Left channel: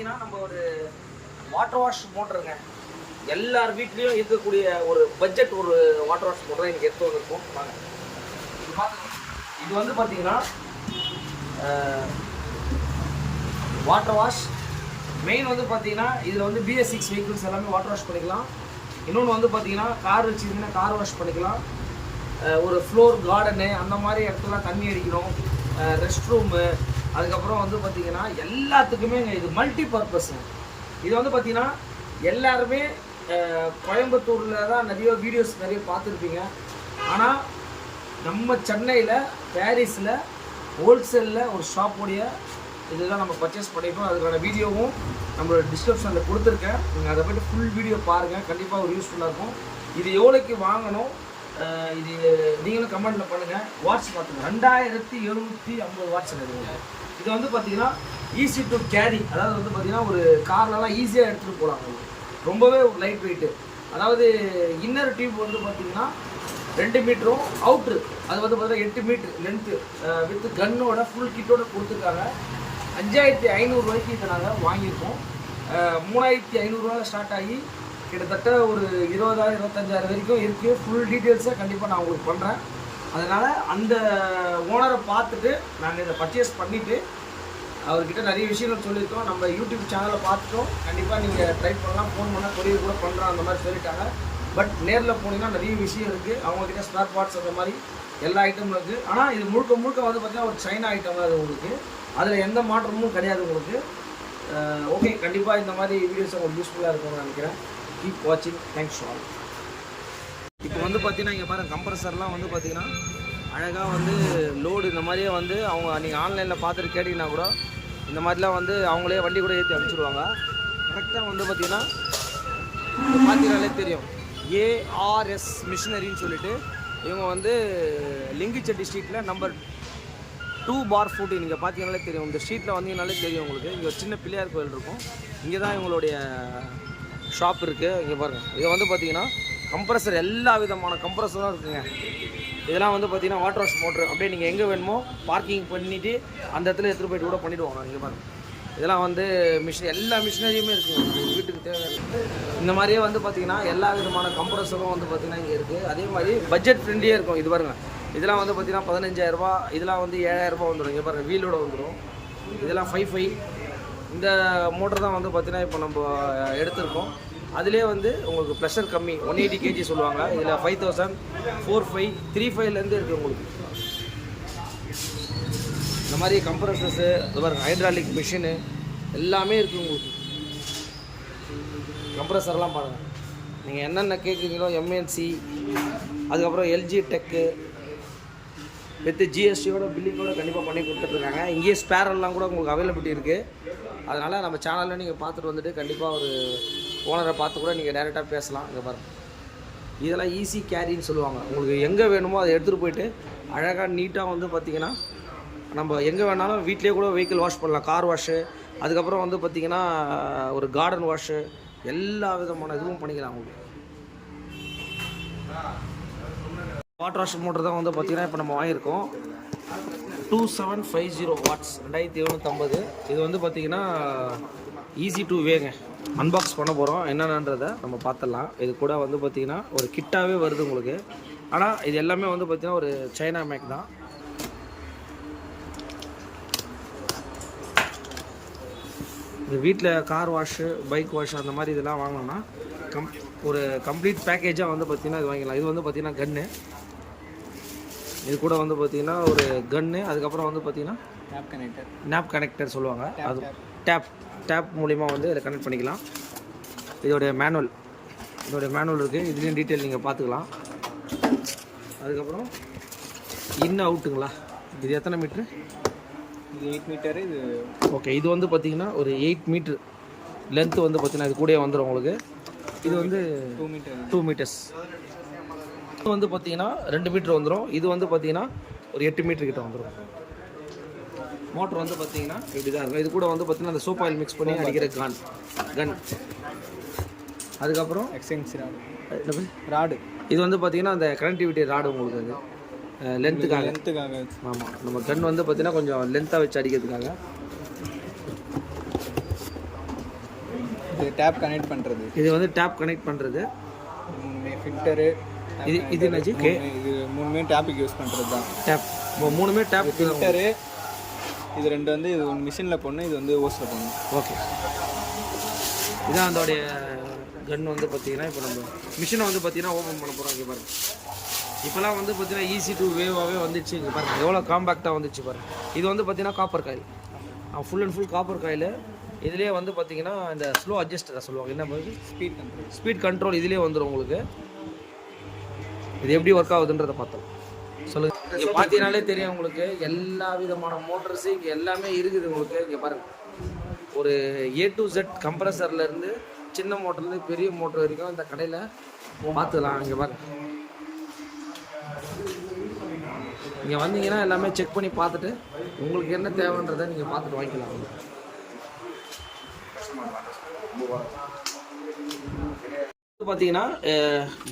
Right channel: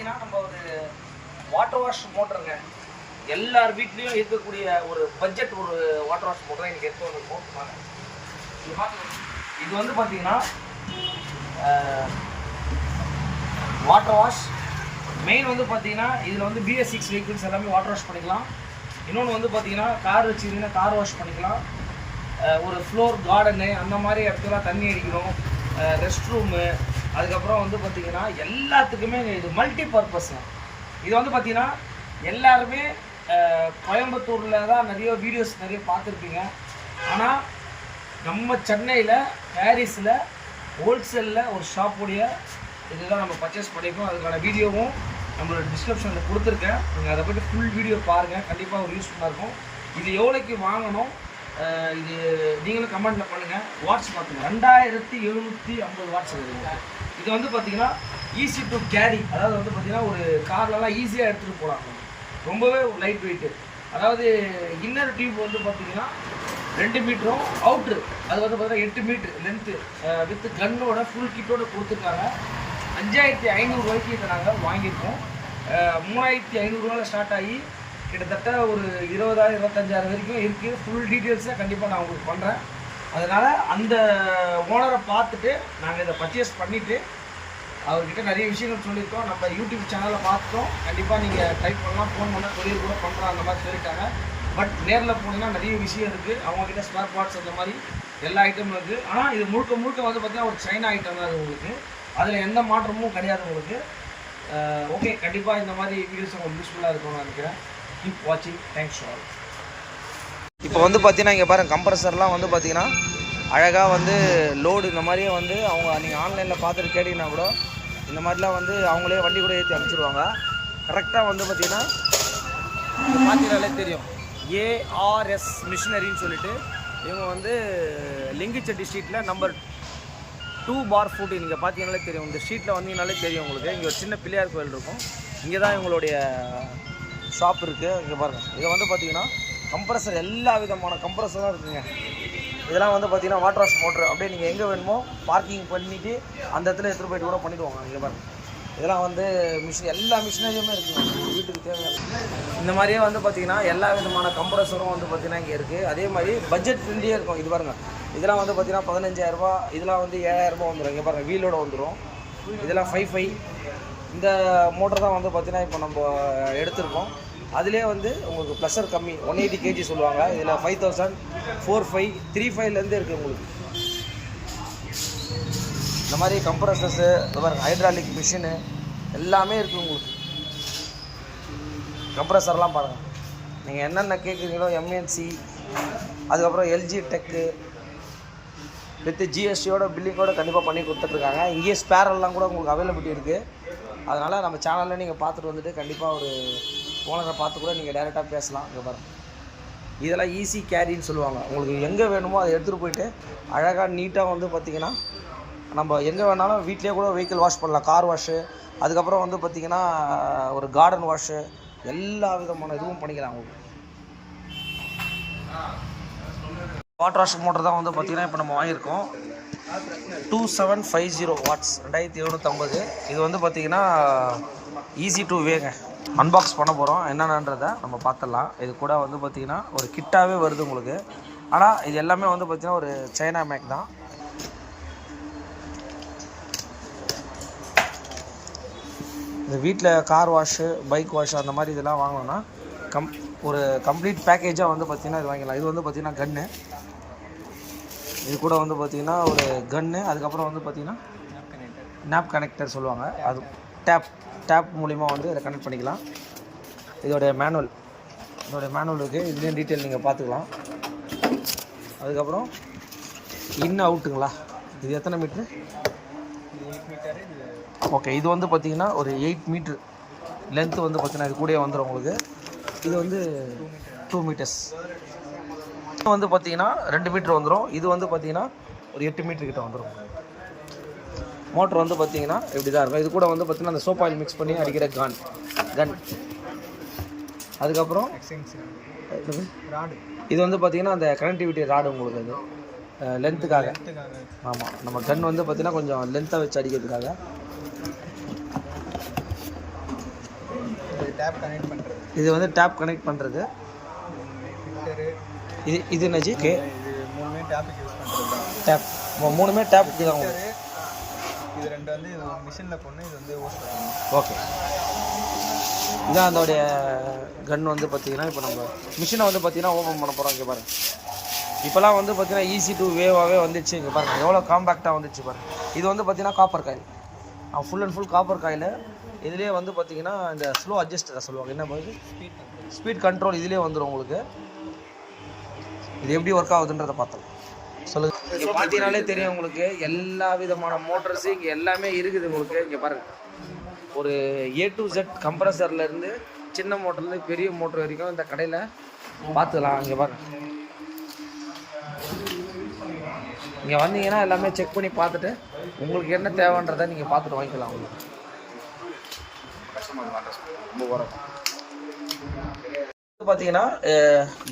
பார்த்தீங்கன்னா நம்ம ஒரு வாட்டர் வாஷ் மோட்டருங்க. எல்லார் வீட்லேயும் இருக்கக்கூடிய ஒரு பட்ஜெட் ஒரு வாட்டர் வாஷ் மோட்டர் தான் எனக்கு எடுத்து வந்திருக்கோம் நாங்கள். இது வந்து பார்த்தீங்கன்னா வாட்டர் வாஷ் மெயின் வந்து பார்த்தீங்கன்னா இதில் வந்து BS6 வெஹிக்கிள்ஸ் எல்லாமே வாட்டர் வாஷ் பண்ணிக்கலாம். இன்னொன்று வந்து பார்த்தீங்கன்னா கார் வச்சுருந்தீங்கன்னா கார் வாஷ் பண்ணிக்கலாம். ஒரு ஃப்ளோர் கார்டனு அந்த மாதிரி இடத்துல தண்ணி அடிக்கணும், ரெஸ்ட் ரூமு, அதுக்கப்புறம் வந்து பார்த்திங்கன்னா எல்லாத்துக்குமே இது மல்டி பர்பஸ்ங்க. இது வந்து பார்த்திங்கன்னா எல்லாருமே கோயம்புத்தூரில் தான் நிறைய வீடியோஸ் நிறைய பார்த்துருப்பீங்க. ஆனால் நம்ம சென்னையில் பாரிஸில் ஹோல்சேலில் ஒரு ஷாப்புடைய இதுதான் நம்ம பர்ச்சேஸ் பண்ணியிருக்கோம். அதுக்கான வீடியோவும் நம்மளோட டிஸ்கிரிப்ஷனில் கொடுத்துருக்கேன். நீங்கள் அதை பற்றி ஃபுல் வீடியோ பாருங்கள், கண்டிப்பாக ஒரு யூஸ்ஃபுல்லாக இருக்கும். இது எவ்வளோக்கு வாங்கணும் இது நீங்களும் கமெண்ட்டில் பண்ணுங்கள். வாட்ஸ் பார்த்துங்க 2750 வாட்ஸ் வருது. இது வந்து பார்த்திங்கன்னா ஈஸி டு கேரி, அதாவது வந்து பார்த்திங்கன்னா ஒரு கார்லலாம் ஈஸியாக எடுத்துகிட்டு போகிறாங்க. ரொம்பவே லைட் வெயிட்டு. அதாவது இன்னர் டியூப் வந்து பார்த்திங்கன்னா 2 மீட்டரும், அவுட்ரு அது வந்து பார்த்திங்கன்னா 8 மீட்ரு லென்த்து வித் கன்னோட ஃபுல் கிட்டோட கொடுத்துருக்காங்க. 5500 ரூபாய்க்கு இதை நாங்கள் வாங்கியிருக்கோம். 3500 ஸ்டார்ட் ஆகி கிட்டத்தட்ட ஒரு 20,000 25,000 வரைக்கும் இருக்குது. ஃபுல் டீட்டெயில்ஸை கண்டிப்பாக நான் உங்களுக்கு பண்ணுறேன். அதனால் அந்த ஓனரை பார்த்துட்டு நாங்கள் இதை பர்ச்சேஸ் பண்ணிவிட்டு அவர்கிட்ட நிறைய விஷயங்கள் சொல்லியிருக்கோம். நம்ம யூடியூப் சேனலில் பார்த்துட்டோம். கண்டிப்பாக நீங்கள் ட்ரை பண்ணலாம், ஃபோன் பண்ணால் கொரியர் கூட பண்ணுறோம் அந்த மாதிரி சொல்லிட்டாங்க. பட் நேரில் போனீங்கன்னா நிறைய விஷயம் இருக்குது. அவங்கக்கிட்ட ஸ்பேர் பார்ட்ஸ் அந்த மாதிரி எல்லா ஐட்டமும் இருக்குது. ஆனால் இது முழுக்க முழுக்க வந்து பார்த்தீங்கன்னா ஒரு சைனா ஐட்டம் தான் இருக்குது உங்களுக்கு. அதில் எந்த மாற்றமும் கிடையாது உங்களுக்கு. ஓகே, கண்டிப்பாக இந்த மாதிரி வீடியோஸ் உங்களுக்கு யூஸ்ஃபுல்லாக இருக்கும்னு நான் நினைக்கிறேன். கீப் வாட்சிங். Thanks all. இப்போ வந்து பார்த்தீங்கன்னா இங்கே பாருங்கள், கம்ப்ரஸர்லாம் வந்து பார்த்தீங்கன்னா அழகாக வந்து லோடு இந்த மாதிரியே வந்து அவங்க நீங்கள் ஆன்லைனில் பார்த்துட்டு கேட்டிங்கன்னா கூட இந்த மாதிரிலாம் வந்து அவங்களே வண்டி கூட ஏற்றி அனுப்பிச்சிடுவாங்க. கரெக்டாக வந்து பார்த்தீங்கன்னா பார்த்தீங்கனாலே தெரியும், ARS மிஷினரின்னு சொல்லிட்டு இவங்க வந்து லிங்கிச்செட்டி ஸ்ட்ரீட்டில் நம்பர் 2/40 நீங்கள் பார்த்தீங்கனாலே தெரியும். இந்த ஸ்ட்ரீட்டில் வந்தீங்கனாலே தெரியும் உங்களுக்கு. இங்கே ஒரு சின்ன பிள்ளையார் கோயில் இருக்கும். இங்கே தான் இவங்களுடைய ஷாப் இருக்குது. இங்கே பாருங்கள், இதை வந்து பார்த்தீங்கன்னா கம்ப்ரஸர் எல்லா விதமான கம்ப்ரஸரும் தான் இருக்குங்க. இதெல்லாம் வந்து பார்த்தீங்கன்னா வாட்டர் வாஷ் மோட்ரு அப்படியே நீங்கள் எங்கே வேணுமோ பார்க்கிங் பண்ணிவிட்டு அந்த இடத்துல எடுத்துகிட்டு போய்ட்டு கூட பண்ணிவிடுவாங்க. இங்கே பாருங்கள், இதெல்லாம் வந்து எல்லா மிஷினரியுமே இருக்குங்க உங்கள் வீட்டுக்கு தேவையான. இந்த மாதிரியே வந்து பார்த்திங்கன்னா எல்லா விதமான கம்ப்ரஸரும் வந்து பார்த்திங்கன்னா இங்கே இருக்குது. அதே மாதிரி பட்ஜெட் ஃப்ரெண்ட்லியே இருக்கும். இது பாருங்கள், இதெல்லாம் வந்து பார்த்திங்கன்னா 15,000 ரூபா, இதெல்லாம் வந்து 7,000 ரூபா வந்துடும். இங்கே பாருங்கள், வீலோட வந்துடும். இதெல்லாம் 5.5. இந்த மோட்டர் தான் வந்து பார்த்திங்கன்னா இப்போ நம்ம எடுத்திருக்கோம். அதிலே வந்து உங்களுக்கு ப்ளஷர் கம்மி, 180 kg சொல்லுவாங்க. இதில் 5,000, 4.5, 3.5லேருந்து இருக்குது உங்களுக்கு. இந்த மாதிரி கம்ப்ரஸர்ஸு, பாருங்கள் ஹைட்ராலிக் மிஷினு எல்லாமே இருக்குது உங்களுக்கு. கம்ப்ரஸர்லாம் பாருங்கள், நீங்கள் என்னென்ன கேட்குறீங்களோ MNC, அதுக்கப்புறம் LG டெக்கு வித் GSTயோட பில்லிங்கோட கண்டிப்பாக பண்ணி கொடுத்துட்ருக்காங்க. இங்கேயே ஸ்பேரெல்லாம் கூட உங்களுக்கு அவைலபிலிட்டி இருக்குது. அதனால் நம்ம சேனலில் நீங்கள் பார்த்துட்டு வந்துட்டு கண்டிப்பாக ஒரு ஓனரை பார்த்து கூட நீங்கள் டைரெக்டாக பேசலாம். இங்கே பாருங்கள், இதெல்லாம் ஈஸி கேரின்னு சொல்லுவாங்க. உங்களுக்கு எங்கே வேணுமோ அதை எடுத்துகிட்டு போயிட்டு அழகாக நீட்டாக வந்து பார்த்திங்கன்னா நம்ம எங்கே வேணாலும் வீட்டிலே கூட வெஹிக்கிள் வாஷ் பண்ணலாம். கார் வாஷு, அதுக்கப்புறம் வந்து பார்த்திங்கன்னா ஒரு கார்டன் வாஷு, எல்லா விதமான இதுவும் பண்ணிக்கலாம் உங்களுக்கு. வாட்டர் வாஷ் மோட்டர் தான் வந்து பார்த்திங்கன்னா இப்போ நம்ம வாங்கியிருக்கோம். 2750 வாட்ஸ், 2750. இது வந்து பார்த்திங்கன்னா ஈஸி டு வேங்க. அன்பாக்ஸ் பண்ண போகிறோம், என்னென்னன்றதை நம்ம பார்த்துடலாம். இது கூட வந்து பார்த்திங்கன்னா ஒரு கிட்டாகவே வருது உங்களுக்கு. ஆனால் இது எல்லாமே வந்து பார்த்திங்கன்னா ஒரு சைனா மேக் தான். இந்த வீட்டில் கார் வாஷு, பைக் வாஷ் அந்த மாதிரி இதெல்லாம் வாங்கணும்னா ஒரு கம்ப்ளீட் பேக்கேஜாக வந்து பார்த்திங்கன்னா இது வாங்கிக்கலாம். இது வந்து பார்த்திங்கன்னா கன்று, இது கூட வந்து பார்த்திங்கன்னா ஒரு கன்று, அதுக்கப்புறம் வந்து பார்த்திங்கன்னா நாப் கனெக்டர் சொல்லுவாங்க. அது டேப் மூலிமா வந்து இதை கனெக்ட் பண்ணிக்கலாம். இதோடைய மேனுவல் இருக்குது. இதுலேயும் டீட்டெயில் நீங்கள் பார்த்துக்கலாம். அதுக்கப்புறம் இன் அவுட்டுங்களா, இது எத்தனை மீட்ரு? இது 8 மீட்டரு. இது ஓகே, இது வந்து பார்த்திங்கன்னா ஒரு 8 மீட்ரு லென்த்து வந்து பார்த்திங்கன்னா இது கூட வந்துடும் உங்களுக்கு. இது வந்து 2 மீட்டர்ஸ். இது வந்து பார்த்திங்கன்னா 2 மீட்ரு வந்துடும். இது வந்து பார்த்திங்கன்னா ஒரு 8 மீட்ரு கிட்ட வந்துடும். மோட்ரு வந்து பார்த்திங்கன்னா இப்படி தான் இருக்கும். இது கூட வந்து பார்த்திங்கன்னா அந்த சோப் ஆயில் மிக்ஸ் பண்ணி அடிக்கிற கன். அதுக்கப்புறம் ராடு, இது வந்து பார்த்திங்கன்னா அந்த கனெக்டிவிட்டி ராடு உங்களுக்கு. அது லென்த்துக்காக. ஆமாம், நம்ம கன் வந்து பார்த்திங்கன்னா கொஞ்சம் லென்த்தாக வச்சு அடிக்கிறதுக்காக. டேப் கனெக்ட் பண்ணுறது. இது வந்து டேப் கனெக்ட் பண்ணுறது. ஃபில்டரு. இது என்னாச்சு? ஓகே, இது மூணுமே டேப்புக்கு யூஸ் பண்ணுறது தான். டேப் மூணுமே டேப்புக்கு தான். ஃபில்டரு இது ரெண்டு வந்து இது ஒன்று மிஷினில் போடணும், இது வந்து ஓஸில் போடணும். ஓகே, இதான் அதோடைய கன் வந்து பார்த்தீங்கன்னா இப்போ நம்ம மிஷினை வந்து பார்த்தீங்கன்னா ஓப்பன் பண்ண போகிறோம். இங்கே பாருங்கள், இப்போலாம் வந்து பார்த்தீங்கன்னா ஈஸி டு வேவாகவே வந்துச்சு. இங்கே பாருங்கள் எவ்வளோ காம்பேக்டாக வந்துச்சு பாருங்கள். இது வந்து பார்த்தீங்கன்னா copper coil, full and full copper coil. இதுலேயே வந்து பார்த்தீங்கன்னா இந்த ஸ்லோ அட்ஜஸ்டரை சொல்லுவாங்க, என்ன மாதிரி ஸ்பீட் கண்ட்ரோல் இதுலேயே வந்துடும் உங்களுக்கு. இது எப்படி ஒர்க் ஆகுதுன்றதை பார்த்தோம். சொல்லுங்கள். இங்கே பார்த்தீங்கனாலே தெரியும் உங்களுக்கு, எல்லா விதமான மோட்டர்ஸு இங்கே எல்லாமே இருக்குது உங்களுக்கு. இங்கே பாருங்கள், ஒரு A to Z கம்ப்ரஸர்லேருந்து சின்ன மோட்டர்லேருந்து பெரிய மோட்டர் வரைக்கும் இந்த கடையில் பார்த்துக்கலாம். இங்கே பாருங்கள், இங்கே வந்தீங்கன்னா எல்லாமே செக் பண்ணி பார்த்துட்டு உங்களுக்கு என்ன தேவைன்றதை நீங்கள் பார்த்துட்டு வாங்கிக்கலாம். உங்களுக்கு பார்த்தீங்கன்னா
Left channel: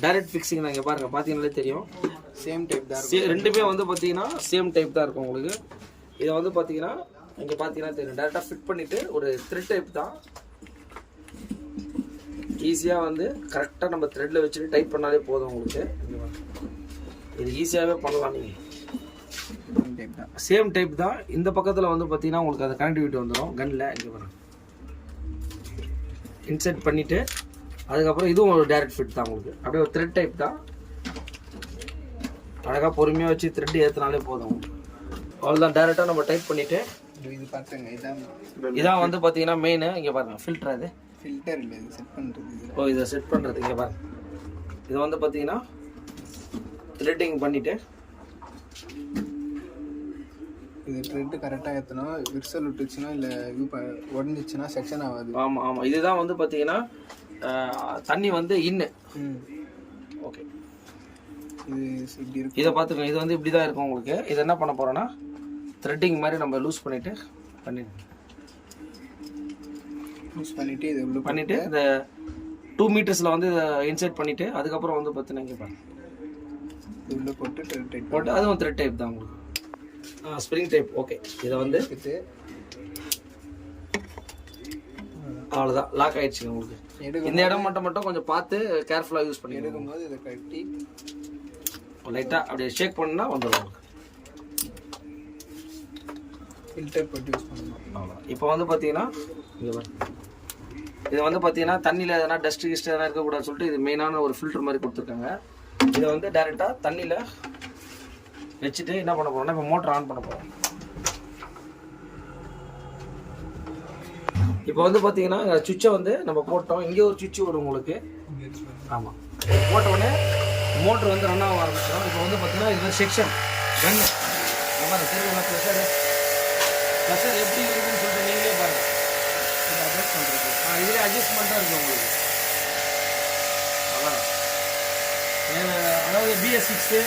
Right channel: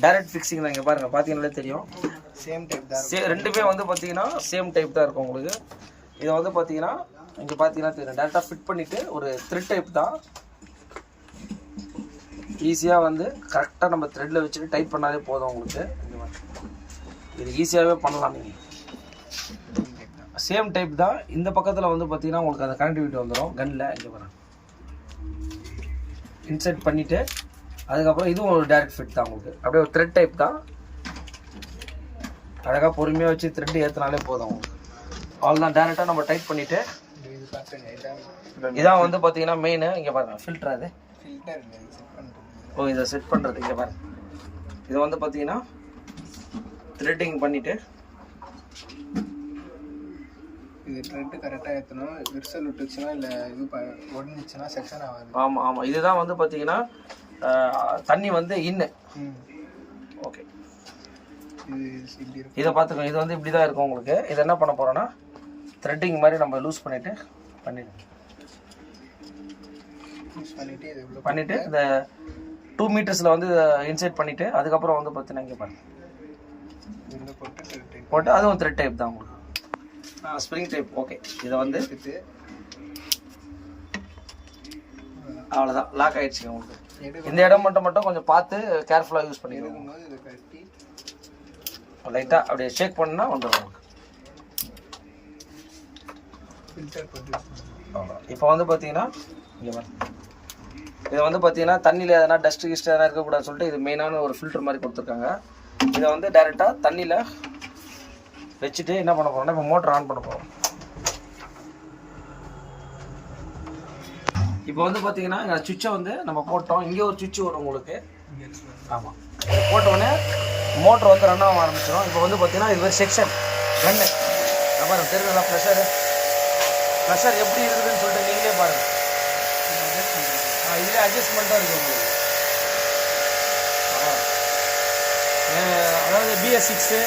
டைரக்ட் ஃபிக்ஸிங் தான். இங்கே பாருங்கள், பார்த்தீங்கன்னாலே தெரியும் சேம் டைப் தான். ரெண்டுமே வந்து பார்த்தீங்கன்னா சேம் டைப் தான் இருக்கும் உங்களுக்கு. இதை வந்து பார்த்தீங்கன்னா இங்கே பார்த்தீங்கன்னா தெரியும், டேரெக்டாக ஃபிட் பண்ணிவிட்டு ஒரு த்ரெட் டைப் தான். ஈஸியாக வந்து கரெக்டாக நம்ம த்ரெட்டில் வச்சுட்டு டைப் பண்ணாலே போதும் உங்களுக்கு. இது ஈஸியாகவே பண்ணலாம். நீங்கள் சேம் டைப் தான். இந்த பக்கத்தில் வந்து பார்த்தீங்கன்னா உங்களுக்கு அந்த கனெக்டிவிட்டி வந்துடும் கன்னில். இங்கே பாருங்கள், இன்செர்ட் பண்ணிவிட்டு அதுக்கப்புறம் இதுவும் ஒரு டைரக்ட் ஃபிட் தான் உங்களுக்கு. அப்படியே ஒரு த்ரெட் டைப் தான். அழகாக பொறுமையாக வச்சு த்ரெட் ஏற்றினாலே போதும் உங்களுக்கு. அவ்வளோதான், டேரெக்டாக நம்ம டைப் பண்ணிவிட்டு இதான் வந்து பார்த்தீங்கன்னா மெயின். இங்கே பாருங்கள், ஃபில்டர். அது ஃபில்டர் இல்லை, இது செட் பண்ணுறது. ஓ, இதை செட் பண்ணுறது. இங்கே பாருங்கள், இதை வந்து பார்த்தீங்கன்னா த்ரெட்டிங் பண்ணிவிட்டு இது த்ரெட்டு கரெக்டாக ஏற்றணும். விரிசல் விட்டுச்சுன்னா இல்லை இது உடஞ்சிச்சுன்னா செக்ஷன் ஆகாது. ஆமாம் ஆமாம், இதுதான் வந்து பார்த்தீங்கன்னா தண்ணி வந்து இன்னு. ஓகே, இது இப்படி இருக்கும். இதை பார்த்துக்கோங்க, இது வந்து இப்படி தான் இருக்கும் உங்களுக்கு. இதை என்ன பண்ண போகிறோன்னா த்ரெட்டிங் மாதிரி நம்ம லூஸ் பண்ணிவிட்டு இது பண்ணிவிட்டு இந்த 2 மீட்டர்ஸில் வந்து இன்சைட் பண்ணிவிட்டு அதுக்கப்புறம் வந்து பார்த்தீங்கன்னா இங்கே பாருங்கள் உள்ள போட்டு அதுவும் த்ரெட் டைப் தான் உங்களுக்கு. Spring type. ஓகே, இதை வந்து அவ்வளோதான், லாக் ஆகிடுச்சிங்க உங்களுக்கு. இந்த இடம் மட்டும் கொஞ்சம் பார்த்து கேர்ஃபுல்லாக யூஸ் பண்ணிக்கணும். லைட்டாக அப்படியே ஷேக் பண்ணால் வந்துடும் உங்களுக்கு. அவ்வளோ. இப்போ வந்து பார்த்தீங்கன்னா இங்கே இது வந்து பார்த்தீங்கன்னா தண்ணியில் எதனா டஸ்ட் கிஸ்ட் எதனா இருக்கக்கூடாதுன்னு சொல்லிட்டு இது மெயினான ஒரு ஃபில்டர் மாதிரி கொடுத்துருக்காங்க. இதை வந்து டைரெக்டாக தண்ணியில் வச்சுட்டு என்ன பண்ண போகிறோம்னா இப்போ மோட்டர் ஆன் பண்ண போகிறோம். இப்போ வந்து பார்த்தீங்கன்னா எங்கள் சுவிட்சை வந்து நம்ம போட்டோம். இங்கே ஒரு சுவிட்ச் வரும் உங்களுக்கு. ஆமாம், போட்டோடனே மோட்டர் வந்து ரன் ஆக ஆரம்பிச்சிடும். இப்போ வந்து பார்த்தீங்கன்னா இது ஒரு செக்ஷன் கன்னு. பாருங்கள், தெரியுங்களா ப்ளஷர் எப்படி இருக்குதுன்னு சொல்லிட்டு நீங்களே பாருங்கள். இதில் அட்ஜஸ்ட்மெண்ட் தான் இருக்குது உங்களுக்கு. அதாவது BS6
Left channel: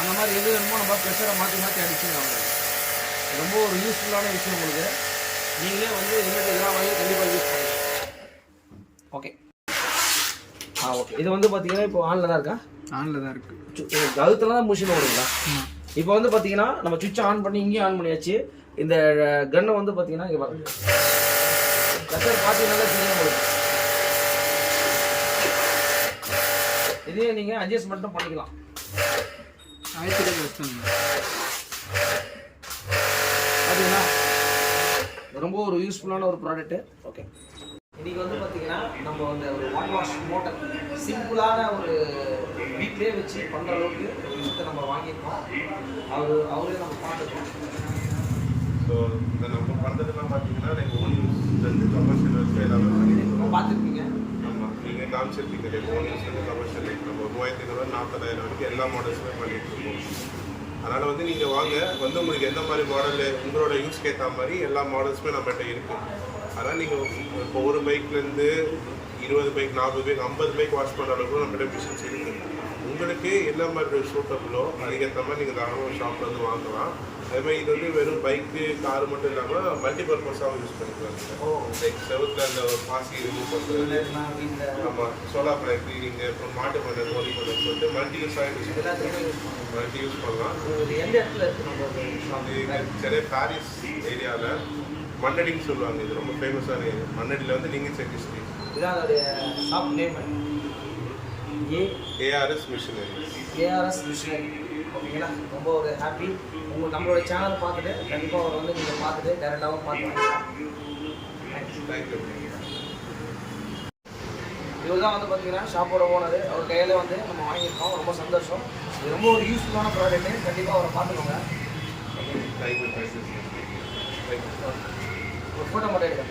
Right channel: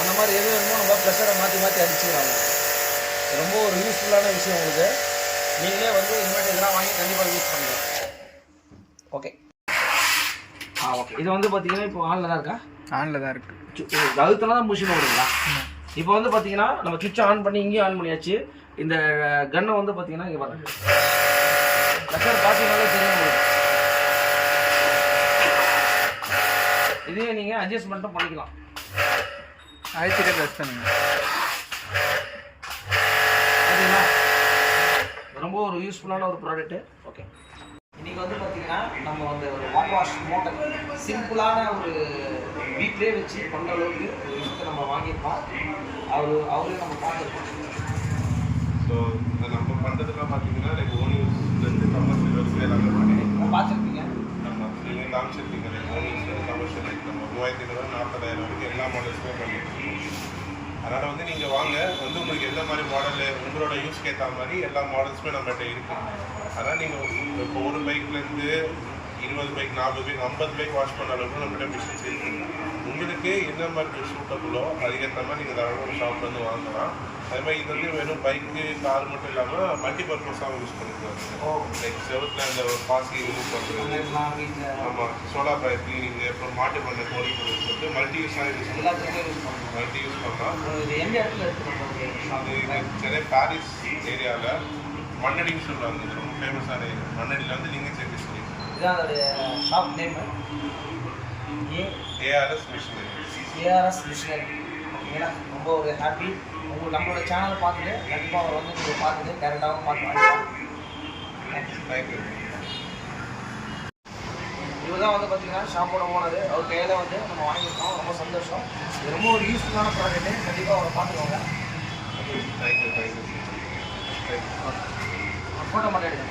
அந்த மாதிரி எது வேணுமோ நம்ம ப்ளஷரை மாற்றி அடிச்சுக்கலாம். ரொம்ப ஒரு யூஸ்ஃபுல்லான விஷயம் உங்களுக்கு. நீங்களே வந்து இனிமேட்டு இதெல்லாம் வாங்கி கண்டிப்பாக யூஸ் பண்ணிக்கலாம். Okay, okay. இது வந்து பார்த்தீங்கன்னா இப்போ ஆனில் தான் இருக்கா? ஆனில் தான் இருக்குது. அழுத்தலாம் தான் மிஷின் ஓடுங்களா? இப்போ வந்து பார்த்தீங்கன்னா நம்ம சுவிட்சை ஆன் பண்ணி இங்கேயும் ஆன் பண்ணியாச்சு. இந்த கன்னை வந்து பார்த்தீங்கன்னா இங்கே பாருங்க, ப்ளஷர் பார்த்தீங்கன்னா தெரியும் உங்களுக்கு. இதே நீங்கள் அட்ஜஸ்ட்மெண்ட்டும் பண்ணிக்கலாம். ஆயிரத்தி யூஸ் பண்ணுங்க. பார்த்தீங்களா, ரொம்ப ஒரு யூஸ்ஃபுல்லான ஒரு ப்ராடக்ட்டு. ஓகே, இன்றைக்கி வந்து பார்த்தீங்கன்னா நம்ம அந்த ஒரு வாஷ் மோட்டர் சிம்பிளான ஒரு வீட்டிலே வச்சு பண்ணுற அளவுக்கு ஒரு விஷயத்தை நம்ம வாங்கியிருக்கோம். அவரே நம்ம பார்த்துருக்கோம். ஸோ நம்ம பண்ணுறதுலாம் பார்த்தீங்கன்னா ஓன் யூஸ்லேருந்து கமர்ஷியல் வரைக்கும் எல்லாமே பண்ணியிருக்கோம். பார்த்துருப்பீங்க, நீங்கள் காமிச்சிருக்கீங்க. ஓன் யூஸ்லேருந்து கமர்ஷியல் நம்ம 3500 40,000 வரைக்கும் எல்லா மாடல்ஸுமே பண்ணிட்டுருக்கோம். அதனால் வந்து நீங்கள் வாங்க, வந்து உங்களுக்கு எந்த மாதிரி மாடலு உங்களோட யூஸ்க்கு ஏற்ற மாதிரி எல்லா மாடல்ஸுமே நம்மகிட்ட இருக்குது. அதனால் நீங்கள் இப்போ ஒரு பைக்லேருந்து 20 பைக் 40 பைக் 50 பைக் வாஷ் பண்ண அளவுக்கு நம்மகிட்ட மிஷின்ஸ் இருக்குது. உங்களுக்கு என்ன மாதிரி சூட்டபுளோ அதுக்கேற்ற மாதிரி நீங்கள் தாராளமாக ஷாப்பில் வந்து வாங்கலாம். அதே மாதிரி இது வந்து வெறும் பைக்கு கார் மட்டும் இல்லாமல் மல்டிபர்பஸாகவும் யூஸ் பண்ணிக்கலாம். லைக் செவத்தில் அந்த பாசி ரிமூவ் பண்ணுறது, ஆமாம், சோலார் பைப் கிளீனிங்கு, அப்புறம் மாட்டு பண்ண கோழி பண்ணு சொல்லிட்டு மல்டி யூஸாக யூஸ் பண்ணலாம். சென்னை பாரிஸ் ஏரியாவில் மண்ணடின்னு சொல்லுவாங்க. இது ரொம்ப ஃபேமஸான ஏரியா. மண்ணடியில் வந்து லிங்கு செட்டி ஸ்ட்ரீட் இதான் அதோடைய shop name ARS machinery. ARS machinery. ஓகேங்களா, ரொம்ப ஒரு ஹாப்பி. உங்களுக்கு நம்மளோட சேனலை பார்த்துட்டு கண்டிப்பாக அவர் வந்து நீங்கள் பார்த்துட்டு டேரெக்டாகவும் பார்த்து வாங்கிக்கலாம். தேங்க்யூ. இவர் தான் வந்து பார்த்தீங்கன்னா ஷாப்போட ஓனர். அவர் கையில் வந்து நம்ம வாங்கியிருக்கோம். ரொம்ப சந்தோஷம். இது ரொம்ப ஒரு யூஸ்ஃபுல்லான ப்ராடக்ட்டு. கண்டிப்பாக அவரை பார்த்துக்கோங்க. தேங்க்யூ. ஒரு ஃபோட்டோ மட்டும் எடுங்க.